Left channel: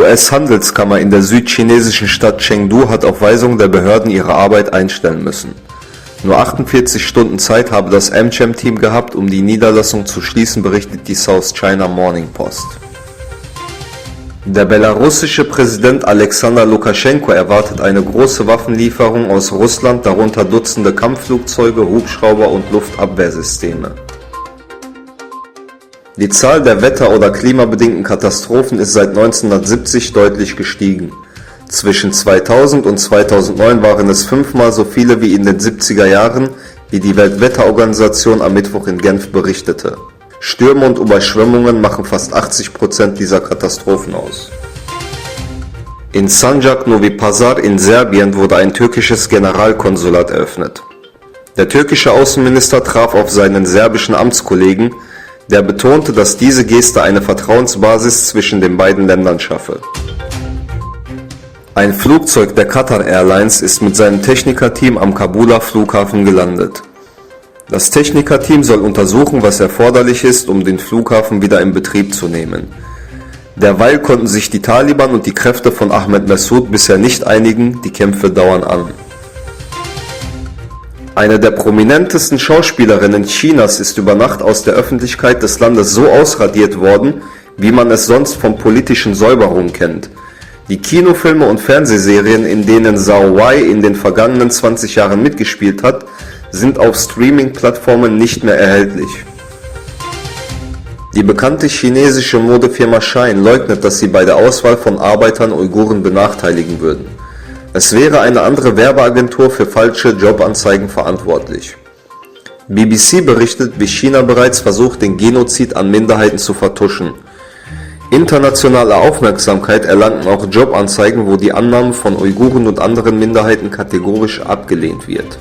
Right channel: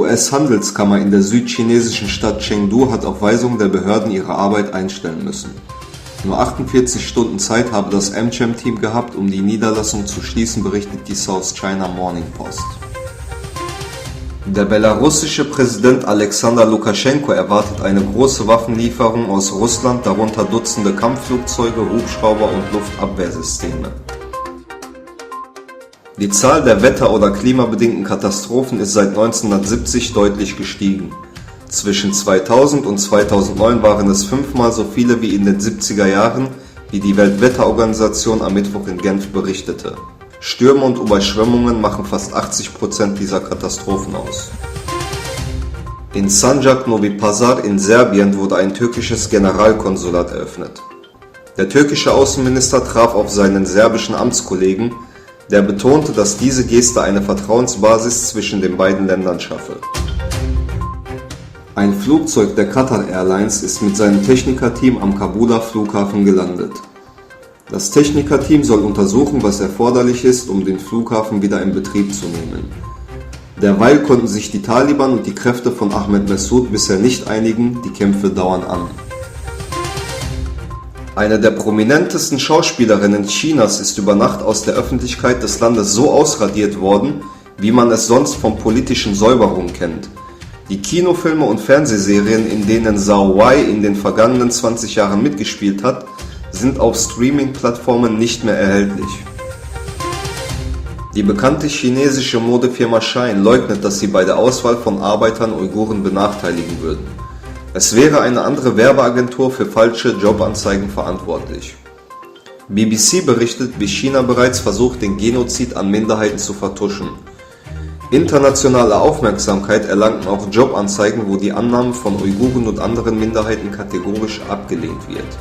US-Handelskammer in der südchinesischen Stadt Chengdu hat auf Weisung der Behörden ihre Arbeit einstellen müssen. Nur 48 Stunden Zeit habe das AmCham-Team gehabt, um die Niederlassung zu schließen, berichtet die South China Morning Post. Der belarussische Präsident Alexander Lukaschenko erwartet eine große Waffenlieferung aus Russland, darunter Dutzende Kampfflugzeuge, Hubschrauber und Luftabwehrsysteme. Die Zahl der wetter- oder klimabedingten Katastrophen ist seit 1970 deutlich gestiegen. Zwischen 2000 und 2009 waren es 5-mal so viele wie in den 70er Jahren, wie die Weltwetterorganisation am Mittwoch in Genf berichtete. Stürme und Überschwemmungen machen fast 80% dieser Katastrophen aus. In Sanjak Novi Pazar in Serbien wurde ein türkisches Generalkonsulat eröffnet. Der türkische Außenminister traf auf seinen serbischen Amtskollegen, der betonte, dass diese Geste eine Vertrauensbasis zwischen den beiden Ländern schaffe. Ein Flugzeug der Qatar Airlines ist mit seinem Technikerteam am Kabuler Flughafen gelandet. Das Technikerteam soll untersuchen, was erforderlich ist, um den Flughafen wieder in Betrieb zu nehmen. Derweil konnten sich die Taliban und die Kräfte von Ahmed Massoud bisher nicht einigen, die Kämpfe dauern an. Eine der prominentesten Schauspielerinnen Chinas ist über Nacht aus der Öffentlichkeit des Landes so ausradiert worden, wie man es sonst von politischen Säuberungen kennt. Die Kinofilme und Fernsehserien, in denen Zhao Wei in den vergangenen 20 Jahren mitgespielt hat, sind auf Streaming-Plattformen nicht mehr erhältlich. Die bekannte chinesische Modefirma Shein leugnet, dass sie bei der Auswahl von Arbeitern Uiguren benachteiligen würden. Es wäre eine andere Werbeagentur für falsche Jobanzeigen verantwortlich. BBC berichtet, wie China bereits versucht, den Genozid an Minderheiten zu vertuschen. Internationale Aufmerksamkeit erlangten auch Jobanzeigen, wo die Annahme von Uiguren und anderen Minderheiten kategorisch abgelehnt wird.